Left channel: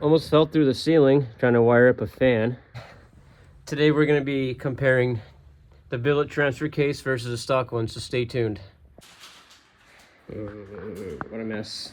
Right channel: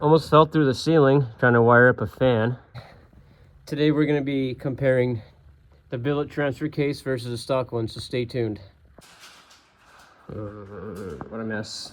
Almost fell through the ceiling trying to wire up a fan. Today we're going to be comparing the billet transfer case versus the stock one, so stay tuned. What a mess.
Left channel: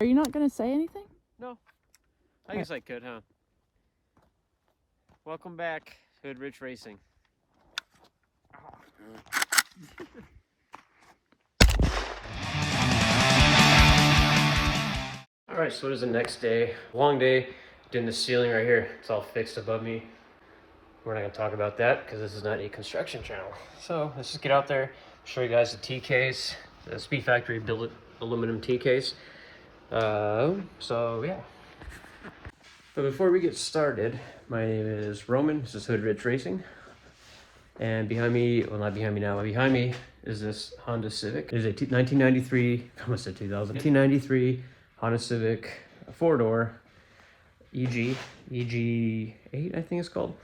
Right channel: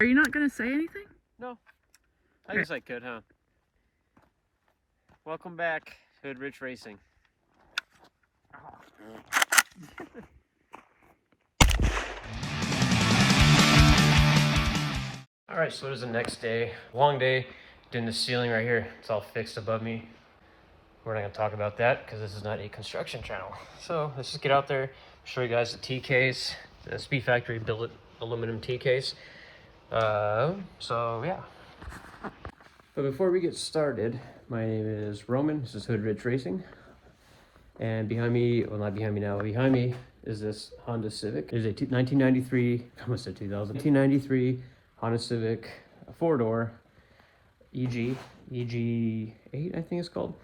Are you not going to say anything? No. I guess I could, huh? Welcome back, Hood Rich Racing. Alright, so it is the next day. Long day. Doing the ceiling right here. It's all fixed above me. We're not going to talk about that because this is not a construction channel. So let's just get out there, show you guys the T-case, the Speedfactory Billet aluminum T-case. So yeah. But before we get started, my name is Roman. This is Hood Rich Racing. And behind me, well, not behind me now, behind me is this Honda Civic. It is a 1993, I almost said 2000, 1993 Honda Civic, a four-door EG8, I think it's called.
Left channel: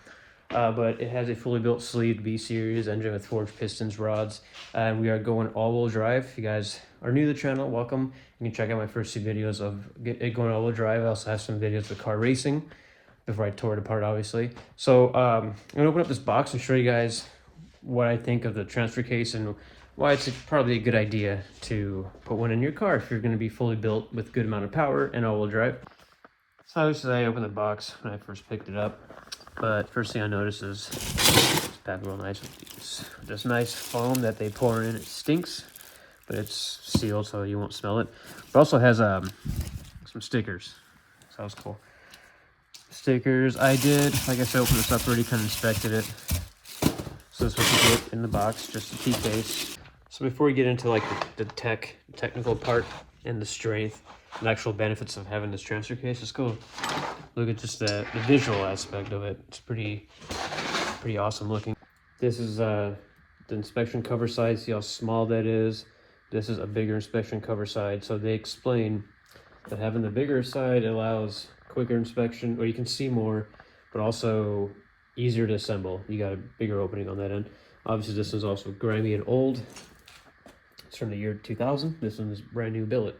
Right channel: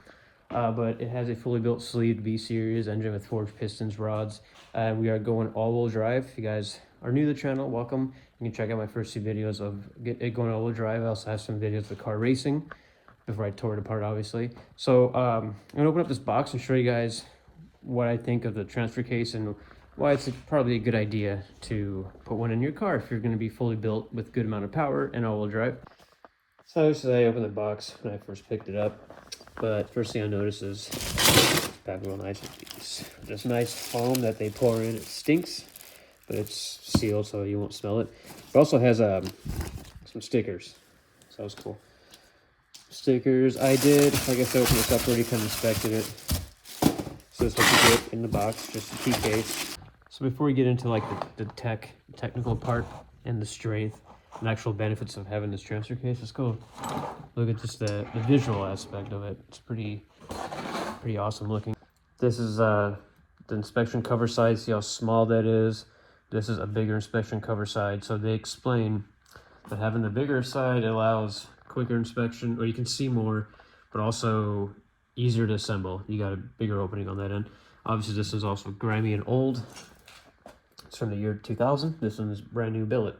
But it has a fully built sleeved B-Series engine with forged pistons, rods, and we are going all-wheel drive. If you guys are new to the channel, welcome. You can check out my first two videos of it going all-wheel drive. I also have some videos of car racing before I tore it apart, obviously. So I'm gonna open up this box and show you guys what I think of the transfer case and why it's probably a good idea to put one in your car if you're gonna be fully built with good amount of power and all-wheel drive. So obviously I opened the box when I first picked it up, but first thing I noticed is it's packed real nice with these. This nice foam that they pour in. It stinks, but it's sealed so you won't smell it. It also has some stickers, so that was cool. Stickers, like I said, opened this up already, kind of inspected it. So this is what you get in the box, just a T-case. So before we get into like the technical part and the strength and actual benefits of having this transfer case, let's go look at just the visual aspect of it. It's pretty awesome looking. This is the inspection cover side. See how small that is? This is a bigger inspection cover side. So they explain that having the bigger side allows quicker inspection, or you can see more, but also easier to assemble. You got a bigger opening on that end. Obviously this is also grimy and old. It's from the year 2000. This one is brand new billet.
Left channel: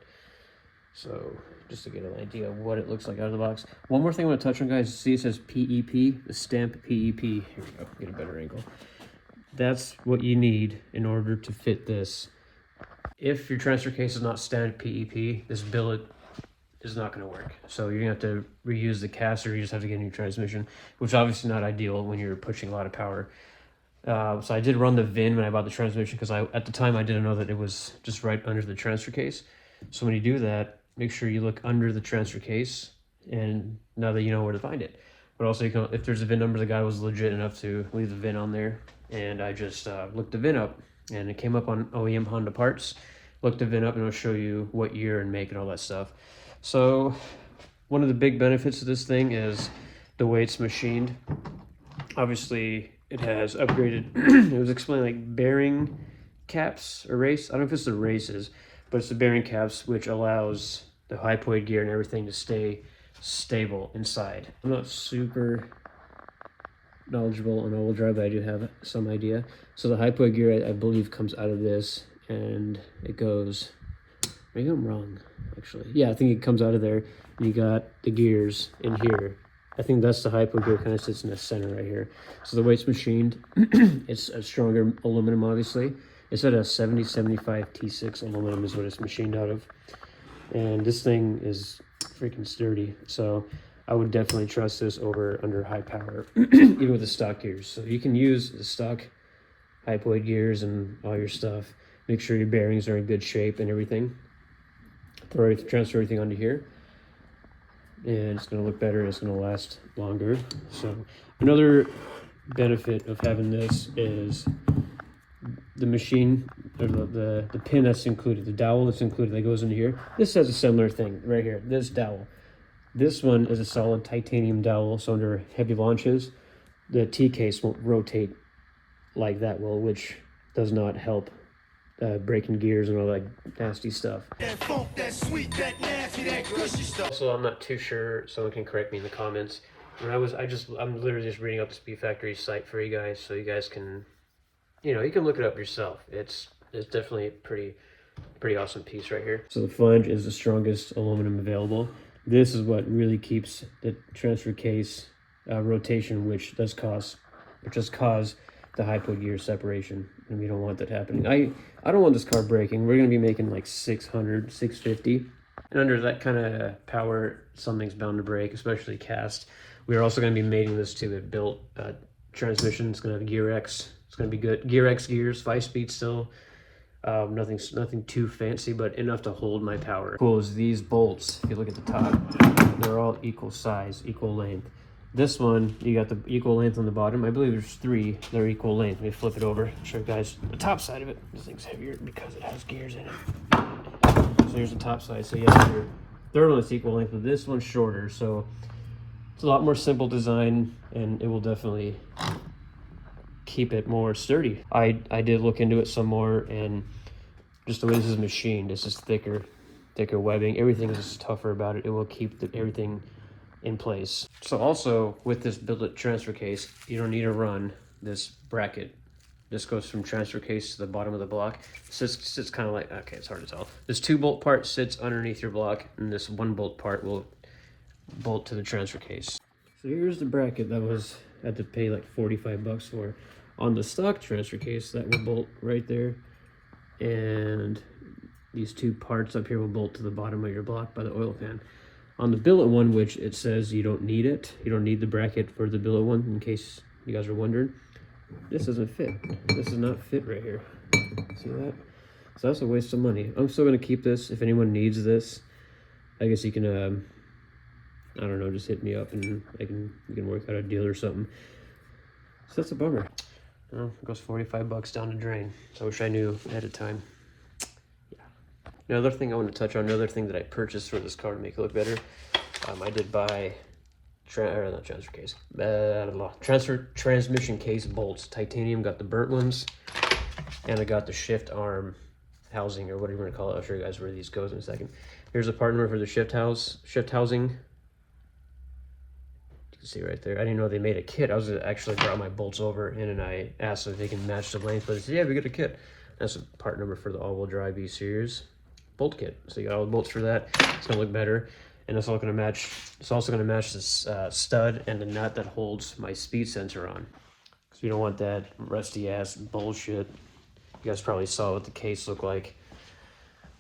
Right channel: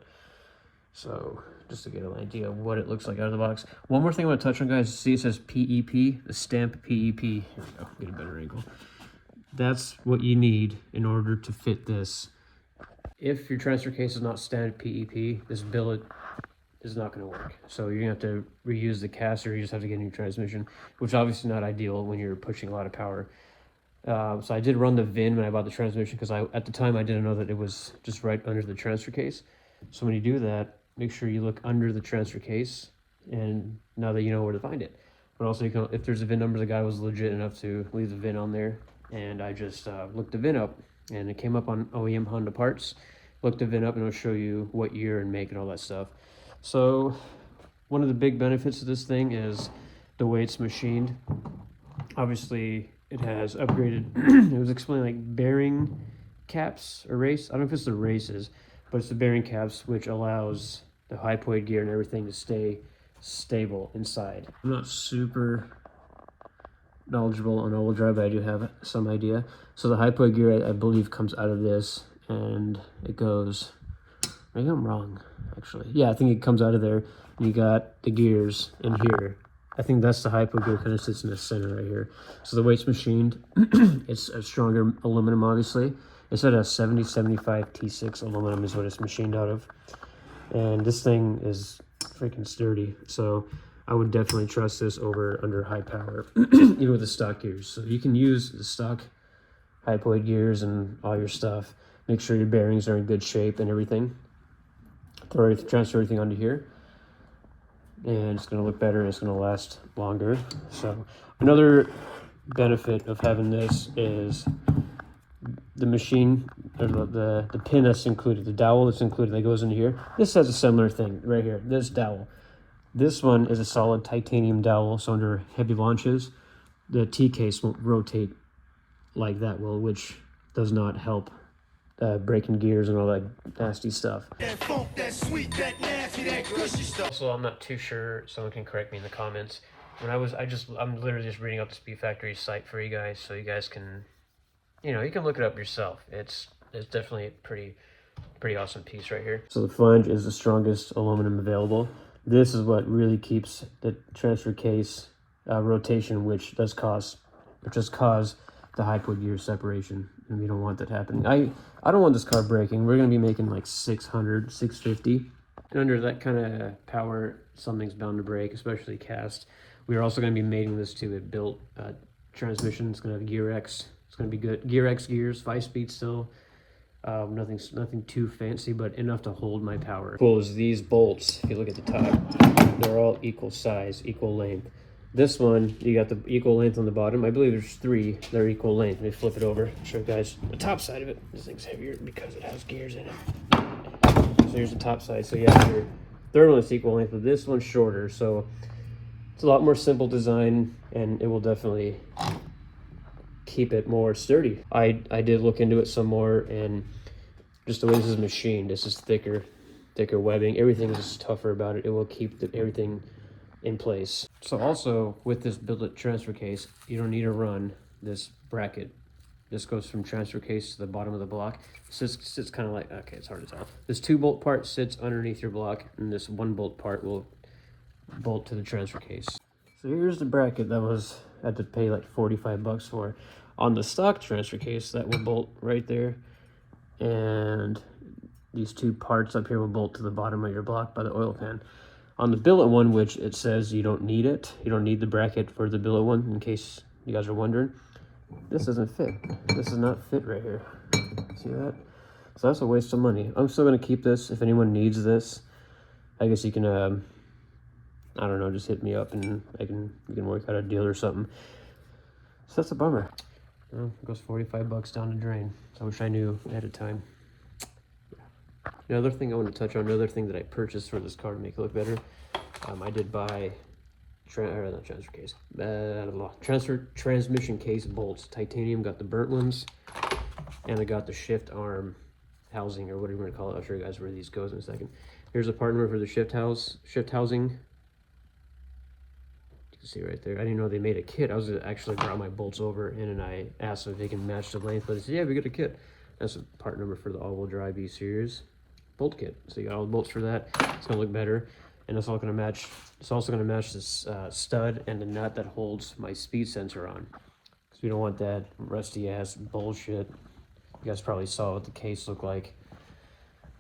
So just to get an idea of what it looks like out of the box. One more thing I want to touch on, guys. See, it says PEP, the stamp PEP. Here we go, get a better angle. That's what you need in order to fit this. If your transfer case is not stamped PEP, this billet is not going to work. So you're going to have to reuse the cast, or you just have to get a new transmission, which is obviously not ideal when you're pushing a lot of power. So I did run the VIN when I bought the transmission because at the time I didn't know that it was just right under the transfer case. So when you do that, make sure you look under the transfer case, and now that you know where to find it. But also, you can, if there's a VIN number, the guy was legit enough to leave the VIN on there, and I just looked the VIN up, and it came up on OEM Honda parts. Looked the VIN up, and it'll show you what year and make and all that stuff. So one of the big benefits of this thing is the way it's machined. Obviously, it has upgraded. It was explained like bearing caps or race. I don't know if it's the races, but it's the bearing caps, which allows the hypoid gear and everything to stay stable inside. I'm not super knowledgeable on all-wheel drive, but I do have some idea. So the hypoid gear, I believe, comes out of this, and it goes, maybe I'm wrong, actually. Yeah, I think it comes out of there. And you got the gears in here. I think that's the hypoid gear, kind of sits in the center right here. So the way it's machined, it's a stronger aluminum, obviously. It's at a 7075 T6 aluminum is what it's machined out of. And this thing is freaking sturdy. So I would definitely trust this over under high power, even with the stock gears. So you can use the stock hypoid gears and all your stuff. Make sure your bearings are in good shape and everything. Transfer everything onto here. And it's going to look better, and it's going to last longer. So another benefit of having this is the machine, or the pin that's included, the dowel that's included that goes into here. This has a similar thing right here, this dowel. This one is a solid titanium dowel, so under heavy launches, the T-case won't rotate like that will, which does not help breaking gears and all that nasty stuff. That funk, that sweet, that nasty, that gushy stuff. Also, I'm not too sure, someone can correct me in the comments. When I'm literally just reading up the Speedfactory site for you guys, so you guys can, you know, you can look it up yourself. It's definitely a pretty awesome piece right here. So the flange is the strongest aluminum available. This is what really keeps the transfer case rotation, which does cause the high point gear separation, and we don't want that happening. I don't want this car breaking. We're going to be making like 600, 650. And under that kind of power, something's bound to break, especially cast. We are also going to be mating this to a built transmission. It's going to have Gear X. It's going to be good. Gear X gears, 5-speed still. Nothing too fancy, but enough to hold my power. Cool is these bolts, if you look at the top, they're all equal size, equal length. This one, you got the equal length on the bottom. I believe there's 3 that are equal length. Let me flip it over, show you guys the top side of it. This thing's heavier because it has gears in it. So here's the top side. So you have your third one that's equal length, but this one's shorter. So it's a lot more simple design, and it will definitely keep it more sturdy. I did look into it some more, and just the way this is machined, this is thicker webbing. Everything is tougher about it. It will keep everything in place. So also with this billet transfer case, you don't need to run this bracket. This goes from transfer case to the bottom of the block. Sits kind of like, okay, it's hard to tell. This 2-bolt part sits underneath your block, and this 1-bolt part will bolt to the transfer case. So here's the bracket that I had to pay like 45 bucks for. On the stock transfer case, that will bolt right there, and these 2 parts up here will bolt to the bottom of your block by the oil pan. On the billet one, which it says you don't need it, you don't need the bracket for the billet one, in case you guys are wondering, this doesn't fit. This does not fit right here. See that? So that's a waste of money. I'm still going to keep this. If anyone needs this, I guess you can, I don't know, just hit me up and we can work out a deal or something. So that's a bummer. Well, it goes 45 bucks down the drain. So I wish I knew ahead of time. Another thing I want to touch on, another thing that I purchased for this car to make it look better, I did buy transmission case bolts, titanium. Got the burnt ones, and I got the shift arm housing, or whatever you want to call it. I'll show you guys where these goes in a second. Here's a part number for the shift housing. You can see right there. I didn't know they made a kit. I was actually brought my bolts over in, and I asked if they can match the length, but they said, yeah, we got a kit. That's a part number for the all-wheel drive E-Series bolt kit. So you got all the bolts for that. It's gonna look better, and it's all gonna match. It's also gonna match this stud and the nut that holds my speed sensor on. So you don't want that rusty ass bullshit. You guys probably saw what the case looked like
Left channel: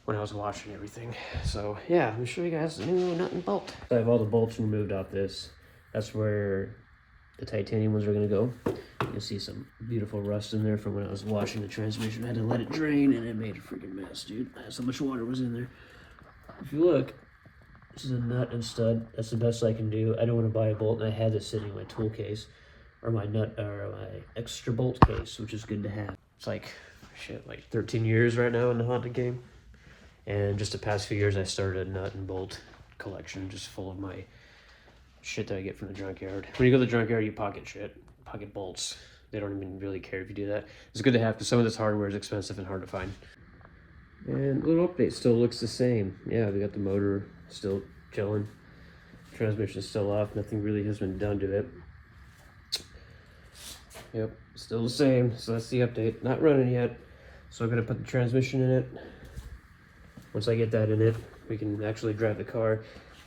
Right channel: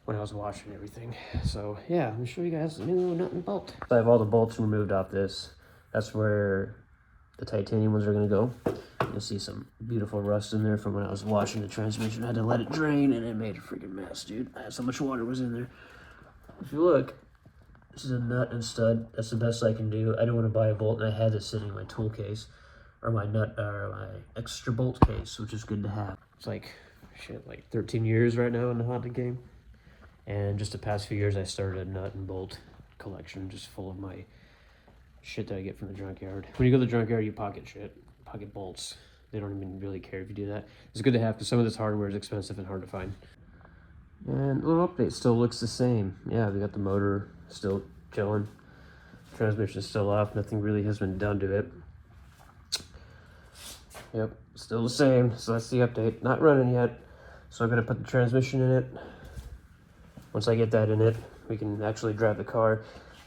when I was washing everything. So yeah, let me show you guys the new nut and bolt. So I have all the bolts removed off this. That's where the titanium ones are gonna go. You'll see some beautiful rust in there from when I was washing the transmission. I had to let it drain, and it made a freaking mess, dude. So much water was in there. If you look, this is a nut and stud. That's the best I can do. I don't want to buy a bolt, and I had this sitting in my tool case, or my extra bolt case, which is good to have. It's like, shit, like 13 years right now in the Honda game. And just the past few years, I started a nut and bolt collection, just full of my shit that I get from the junkyard. When you go to the junkyard, you pocket shit, pocket bolts. They don't even really care if you do that. It's good to have, because some of this hardware is expensive and hard to find. And a little update, still looks the same. Yeah, we got the motor still chilling. Transmission's still off. Nothing really has been done to it. Yep, still the same. So that's the update. Not running yet. So I'm gonna put the transmission in it. Once I get that in it, we can actually drive the car.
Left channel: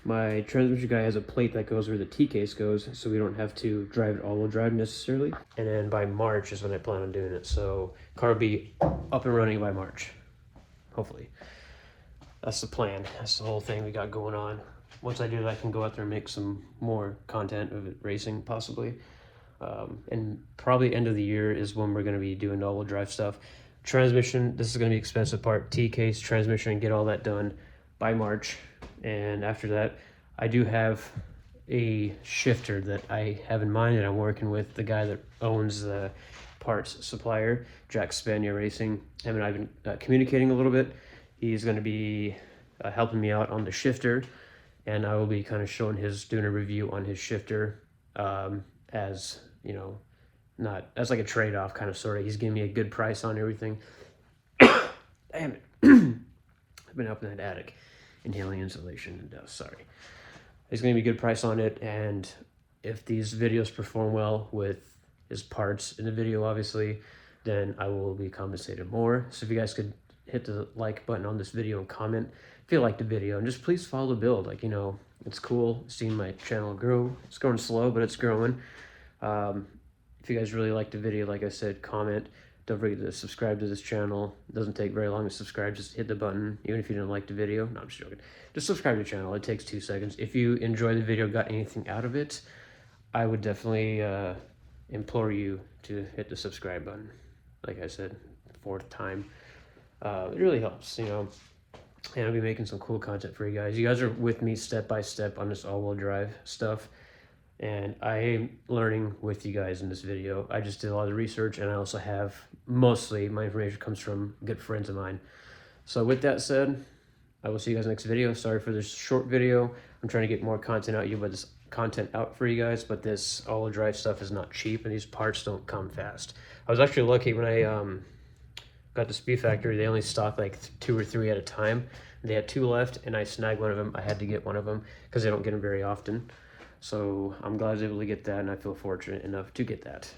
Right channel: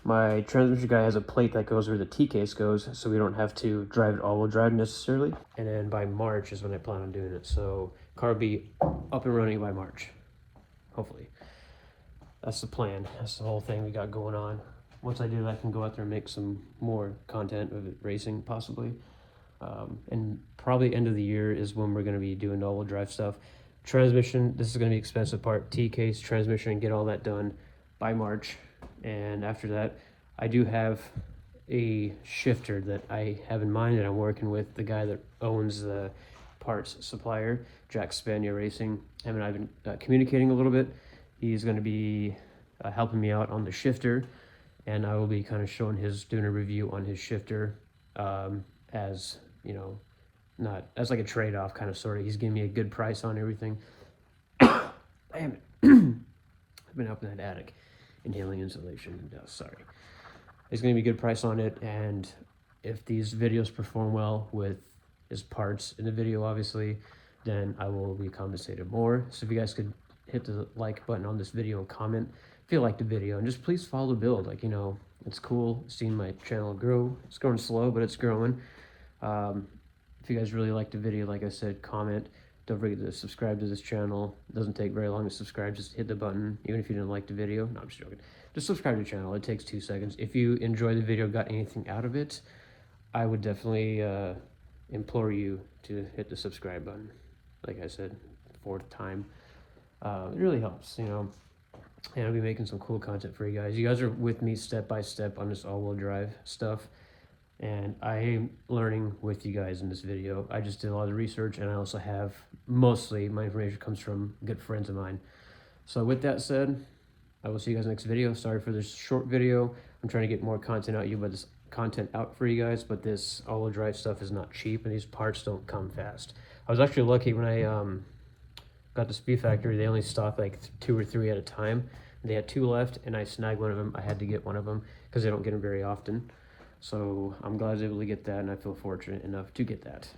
My transmission guy has a plate that goes where the T-case goes, so we don't have to drive it all-wheel drive necessarily. And then by March is when I plan on doing it. So car will be up and running by March, hopefully. That's the plan. That's the whole thing we got going on. Once I do that, I can go out there and make some more content of it racing, possibly. And probably end of the year is when we're going to be doing all-wheel drive stuff. Transmission, this is going to be an expensive part. T-case, transmission, get all that done by March. And after that, I do have a shifter that I have in mind that I'm working with the guy that owns the parts supplier, Jack Spania Racing. Him and I've been communicating a little bit. He's going to be helping me out on the shifter, and I will be kind of doing a review on his shifter, as you know, not as like a trade-off kind of sort of. He's giving me a good price on everything. Damn it. I've been up in that attic inhaling insulation and dust. Sorry. He's going to be a good price on it, and if these videos perform well with his parts in the video, obviously, then I will be compensated more. So if you guys could hit the like button on this video and comment if you like the video, and just please follow the build. Like, you know, it's cool seeing my channel grow. It's growing slow, but it's growing. If you guys really like the video, like I said, comment. Don't forget to subscribe to this channel. It doesn't take very long to subscribe. Just hit the button, even if you didn't like the video. No, I'm just joking. Just subscribe to the channel. It takes 2 seconds. If you enjoy the video, got anything out of it, I would definitely implore you to hit the subscribe button. Like I said, 4th time. It really helps, you know. And I'll be making some cool content for you guys. You guys are with me step by step on this all-wheel drive stuff. And I am learning with you guys in this video. I just did a lot of research, and I also have, mostly my information comes from good friends of mine. So with that said, I will see you guys next video. Sorry for this short video. I'm trying to get more content out for you guys, but this all-wheel drive stuff is not cheap, and these parts don't come fast. I was actually lucky when I got the Speedfactory. They only stock like 2 or 3 at a time. They had 2 left, and I snagged one of them. I had to get one of them because they don't get them very often. So I'm glad I was able to get that, and I feel fortunate enough to get that.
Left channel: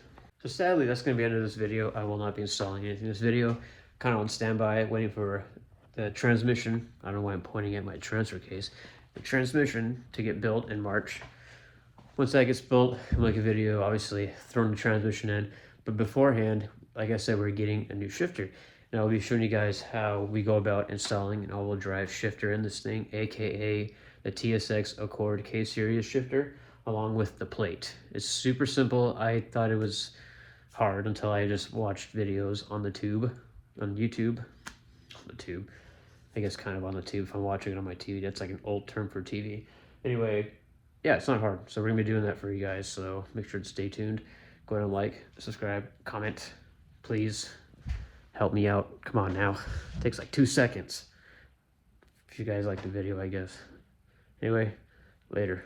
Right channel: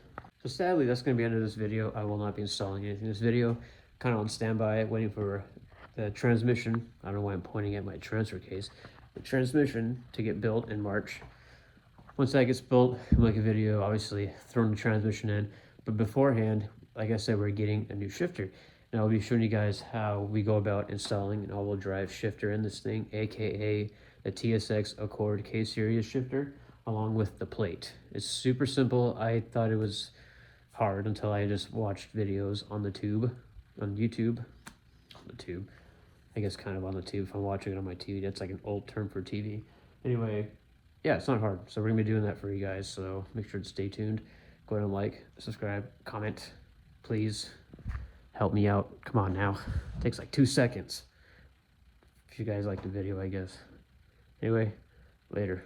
So sadly, that's going to be the end of this video. I will not be installing anything in this video. Kind of on standby, waiting for the transmission. I don't know why I'm pointing at my transfer case. The transmission to get built in March. Once that gets built, I'll make a video, obviously, throwing the transmission in. But beforehand, like I said, we're getting a new shifter. And I'll be showing you guys how we go about installing an all-wheel drive shifter in this thing, aka the TSX Accord K-Series shifter, along with the plate. It's super simple. I thought it was hard until I just watched videos on the tube, on YouTube. On the tube. I guess kind of on the tube if I'm watching it on my TV. That's like an old term for TV. Anyway, yeah, it's not hard. So we're going to be doing that for you guys. So make sure to stay tuned. Go ahead and like, subscribe, comment. Please help me out. Come on now. It takes like 2 seconds. If you guys like the video, I guess. Anyway, later.